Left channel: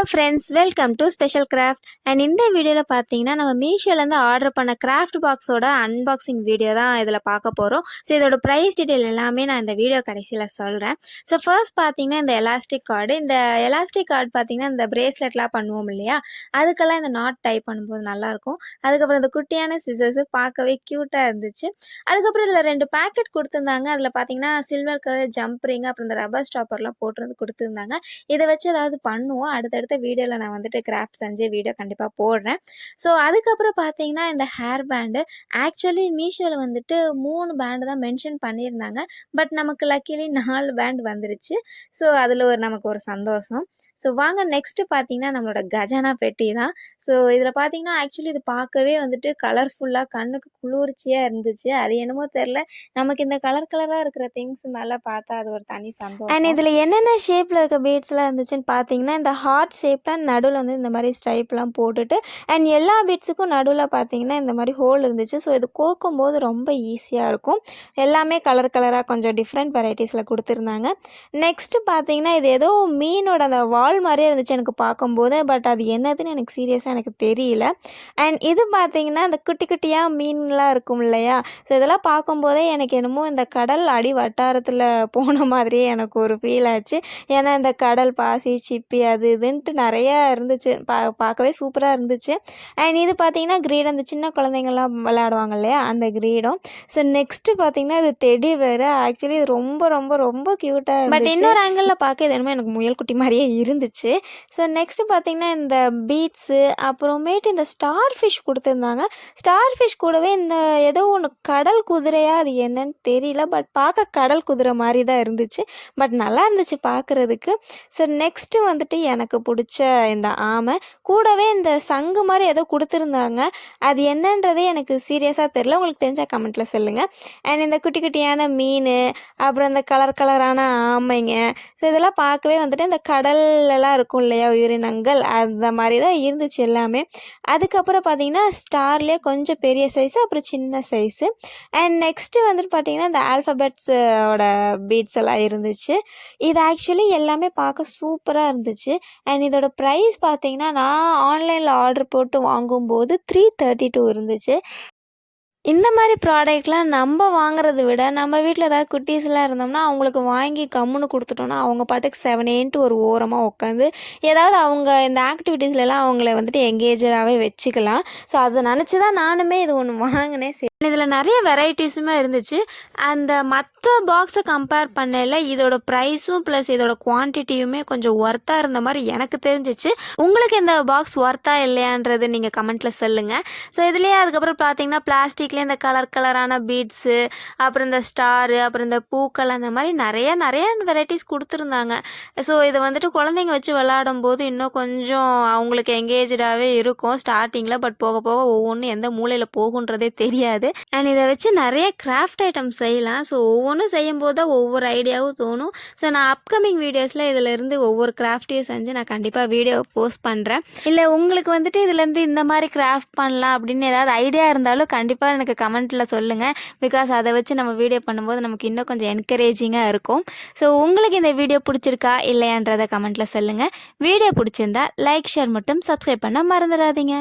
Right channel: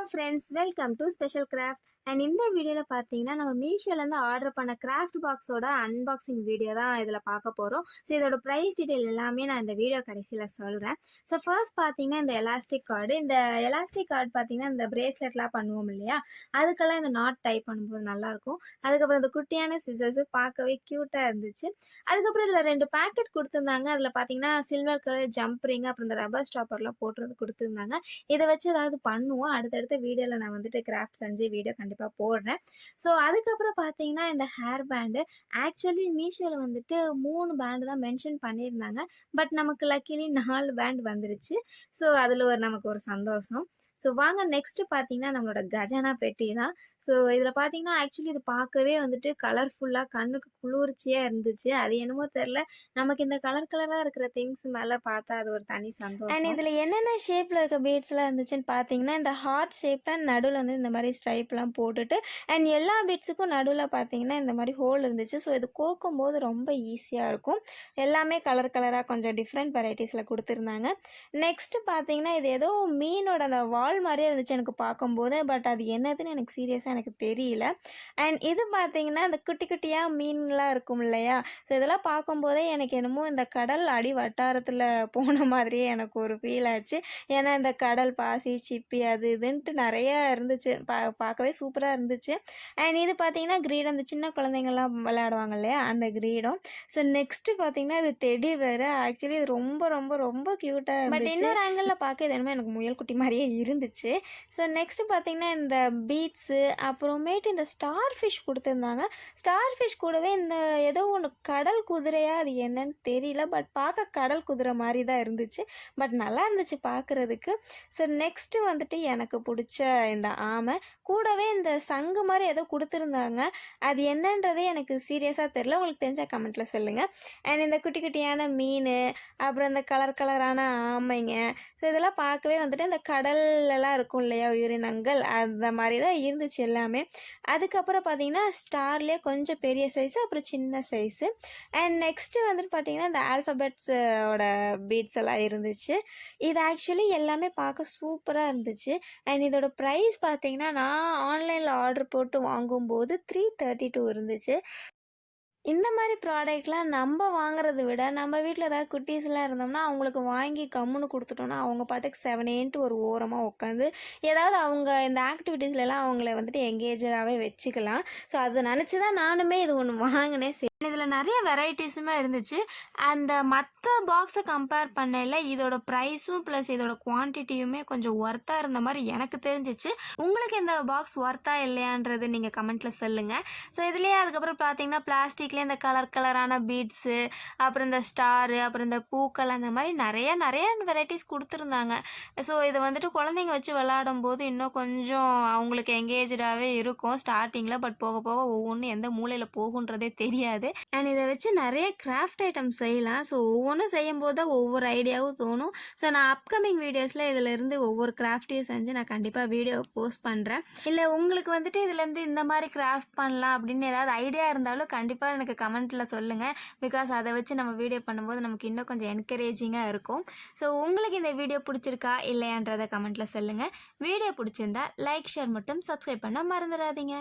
Hello friends, welcome to special craft. And இந்த வீடியோவில் பார்த்தீங்கன்னா நம்ம மீஷோலேருந்து ஆர்டர் பண்ண கிராஃப்ட் பாக்ஸோட அன்பாக்சிங் வீடியோ தான் இதில் பார்க்க போகிறோம். ஸோ இதோட ப்ரைஸ் டீட்டெயில் எல்லாமே நான் இந்த வீடியோ கடைசியில் சொல்கிறேன். ஸோ ஃபர்ஸ்ட் பார்த்தீங்கன்னா இந்த எலாஸ்டிக் கார்டு பார்த்தீங்கன்னா இந்த பிரேஸ்லெட்லாம் பண்ணுவோம் இல்லையா, அதுக்கெல்லாம் இந்த நாட் டைப் பண்ணும்போது நல்லாயிருக்கும். அதுக்கப்புறம் இந்த குட்டியான சிசர்ஸு பார்க்கவே க்யூட்டாக இருந்துச்சு. அதுக்கப்புறம் இதில் 2 பேக்கெட் கொடுத்துருந்தாங்க. அதில் பார்த்தீங்கன்னா சில்வர் கலர் ஜம்ப் ரிங், அப்புறம் இந்த ரப்பர் ஸ்டாப்பர்லாம் போட்டு கொடுத்துருந்தாங்க. இதை வச்சு ஏதாவது பண்ணுவோம். அடுத்தடுத்த வீடியோவில் நான் வந்துட்டு கிராஃப்ட் செஞ்சு வீடியோ கண்டிப்பாக போடுறேன். ஸோ அதுக்கப்புறம் பார்த்தீங்கன்னா இந்த ஹேர் பேண்டு ஆக்சுவலி மீஷோவில் வந்துட்டு 3 பேண்டு தான் மென்ஷன் பண்ணியிருந்தாங்க. பட் நமக்கு லக்கிலி 4 பேண்ட் வந்துருச்சு. ஸோ அதில் நமக்கு ஒரு சந்தோஷம். ஸோ வாங்க நெக்ஸ்ட்டு பார்த்தீங்கன்னா நம்மளோட கஜானா பெட்டி தான். ஸோ இதில் பார்த்தீங்கன்னா ஆக்சுவலி இது பார்க்கவே வந்துட்டு கலர்ஃபுல்லாக கண்ணுக்கு குளிர்ச்சியாக இருந்துச்சு. அது என்னமோ தெரில, நமக்கு இந்த கலராக இருக்கிற திங்ஸ் மேலே பார்த்தா அது ஒரு தனி சந்தோஷம். அண்ட் இதில் என்னென்ன ஷேப்பில் இருக்க பீட்ஸ்லாம் இருந்துச்சுன்னு பார்த்தீங்கன்னா இந்த ஹார்ட் ஷேப்பில் நடுவில் வந்து இந்த மாதிரி ஸ்ட்ரைப்லாம் போட்டுட்டு, அண்ட் எல்லா பீட்ஸுக்கும் நடுவில் பார்த்தீங்கன்னா இந்த மாதிரி ஹோல் இருந்துச்சு. ஸோ இது கோக்கும்போது ரொம்ப ஈஸியாக இருக்கும். எல்லாமே கலராக கொஞ்சம் டிஃப்ரெண்ட் வெரைட்டிஸில் கொடுத்துருந்தாங்க. நெக்ஸ்ட்டு பார்த்தீங்கன்னா இது ஏதோ மீனோட அந்த வால் மாதிரியே இருந்துச்சு எனக்கு பார்க்கும்போது. பட் அது என்னதுன்னு எனக்கு சீரியஸாக எனக்கு தெரியல. அண்ட் இது பார்த்தீங்கன்னா இந்த குட்டி குட்டியாக மீன்லாம் இருக்கும் இல்லையா, ஸோ இதெல்லாம் பார்க்கும்போதே எனக்கு என்னமோ இந்த கடல் அடி வட்டாரத்தில் போன மாதிரியே எனக்கு ஒரு ஃபீல் ஆச்சு. ஏன்னா இந்த கடல் பாசி சிப்பி அது இதுன்ட்டு நிறையா இருந்துச்சு. பார்க்கவே சூப்பராக இருந்துச்சு. அண்ட் இது பார்த்தீங்கன்னா கிரீடம், அந்த சின்ன குழந்தைங்கள்லாம் விளையாடுவாங்க இல்லையா, அந்த கிரீடம். ஸோ நெக்ஸ்ட்டு பார்த்தீங்கன்னா இது டெடி வேறு. ஆக்சுவலி இது ரொம்ப ரொம்ப ரொம்ப க்யூட்டாக இருந்துச்சு. பட் இன்னொரு ஆங்கிளில் பார்க்க இது என்னமோ எனக்கு முயல் குட்டி மாதிரியே இருந்துச்சு. ஸோ நெக்ஸ்ட்டு பார்த்தீங்கன்னா இந்த பீட்ஸு, அப்புறமேட்டு இந்த ஸ்டார் ஃபிஷ் கொடுத்துருந்தாங்க. ஸ்டார் ஃபிஷ் கூடவே இந்த ஏதோ ஒன்று கடல் குதிரையா, அது என்னன்னு தெரியல. பட் பார்க்க கடல் குதிரை மாதிரி தான் இருந்துச்சு. பட் நல்லா இருந்துச்சு பார்க்குறதுக்கு. ஸோ நெக்ஸ்ட்டு வந்துட்டு எனக்கு பிடிச்ச இந்த ஆமை கூடவே இந்த சங்கு மாதிரி ஏதோ கொடுத்துருந்தாங்க. அது என்னன்றதே எனக்கு சீரியஸாக தெரில. உங்களுக்கு தெரிஞ்சால் கமெண்ட்டில் சொல்லுங்கள். அண்ட் இந்த குட்டி குட்டியான மீன், அப்புறம் இந்த கலரான ஆமைங்க, ஸோ இதெல்லாம் பார்க்கவே வந்துட்டு இந்த கடல்லலாம் இருக்கும் இல்லையா உயிரினங்கள், அந்த மாதிரி தான் இருந்துச்சு எல்லாமே. அதுக்கப்புறம் பார்த்தீங்கன்னா ஸ்டார்லேயே கொஞ்சம் பெரிய சைஸு, அப்புறம் சின்ன சைஸு. அண்ட் நெக்ஸ்ட்டு வந்துட்டு பார்த்தீங்கன்னா இந்த ஆல்ஃபபெட்ஸோட பீட்ஸ் எல்லாம் இருந்துச்சு. இது ஆக்சுவலி எல்லாமே பார்க்க சூப்பராக இருந்துச்சு. அண்ட் இதோட ப்ரைஸ் பார்த்தீங்கன்னா நான் ஆன்லைனில் ஆர்டர் போட்டு வாங்கும்போது 332 இருந்துச்சு. இந்த மாதிரி ப்ராடக்ட்லாம் நம்ம வாங்குறத விட நம்ம வீட்டில் ஏதாவது குட்டீஸ்லாம் இருந்தோம்னா அவங்களுக்கு வாங்கி கம்முன்னு கொடுத்துட்டோம்னா அவங்க பாட்டுக்கு 7 ஒரு ஓரமாக உட்காந்து ஏதாவது அவங்க இந்த ஆக்டிவிட்டீஸ்லாம் அவங்கள வந்துட்டு எங்கேஜராகவே வச்சுக்கலாம். ஸோ அதை நினச்சி தான் நானுமே இது ஒன்று வாங்கினேன். இதில் நிறைய வெரைட்டிஸுமே இருந்துச்சு. அந்த மற்ற பாக்ஸை கம்பேர் பண்ணல இதோட ப்ரைஸும் ப்ளஸ் இதோட குவான்டிட்டியுமே கொஞ்சம் ஒர்த்தாக இருந்த மாதிரி எனக்கு தெரிஞ்சிச்சு. உங்களுக்கு இந்த பாக்ஸ் ஒர்த்தா இல்லையான்றது நீங்கள் கமெண்ட்டில் சொல்லுங்கள். ஸோ இதுலேயே அதுக்கப்புறம் பார்த்தீங்கன்னா பிளாஸ்டிக்லேயே இந்த கலரான பீட்ஸு, அப்புறம் இந்த ஸ்டாரு, அப்புறம் இந்த பூக்கள், அந்த மாதிரி நிறைய வெரைட்டிஸ் கொடுத்துருந்தாங்க. ஸோ இதை வந்துட்டு குழந்தைங்க வச்சு விளையாடும் போது இன்னும் கொஞ்சம் அவங்களுக்கு எங்கேஜாகவே இருக்கும் ஸ்டார்டிங்கில். பட் போக போக ஒவ்வொன்றும் எந்த மூலையில் போகுன்றதே தெரியாது. அண்ட் இதை வச்சு நிறைய கிராஃப்ட் ஐட்டம் செய்யலாம். ஸோ ஒவ்வொன்றும் செய்யும்போது தான் ஒவ்வொரு ஐடியாவும் தோணும். ஸோ நான் அப்கமிங் வீடியோஸில் இதிலேருந்து ஒவ்வொரு கிராஃப்டையும் செஞ்சு நான் கண்டிப்பாக வீடியோ போஸ்ட் பண்ணுறேன். இல்லை உங்களுக்கு வந்துட்டு இதுலேருந்து இந்த மாதிரி கிராஃப்ட் பண்ணலாம் அப்படின்னு ஏதாவது ஐடியா இருந்தாலும் கண்டிப்பாக எனக்கு கமெண்ட்டில் சொல்லுங்கள். பிகாஸ் அதை வச்சு நம்ம வீடியோ பண்ணும்போது நமக்கு இன்னும் கொஞ்சம் என்கரேஜிங்காக இருக்கும். ஸோ உங்களுக்கு இந்த வீடியோ பிடிச்சிருக்கா இல்லையான்றதை கமெண்ட்டில் சொல்லுங்கள். வீடியோ பிடிச்சிருந்தா லைக், ஷேர் மட்டும் சப்ஸ்கிரைப் பண்ண மறந்துடாதீங்க.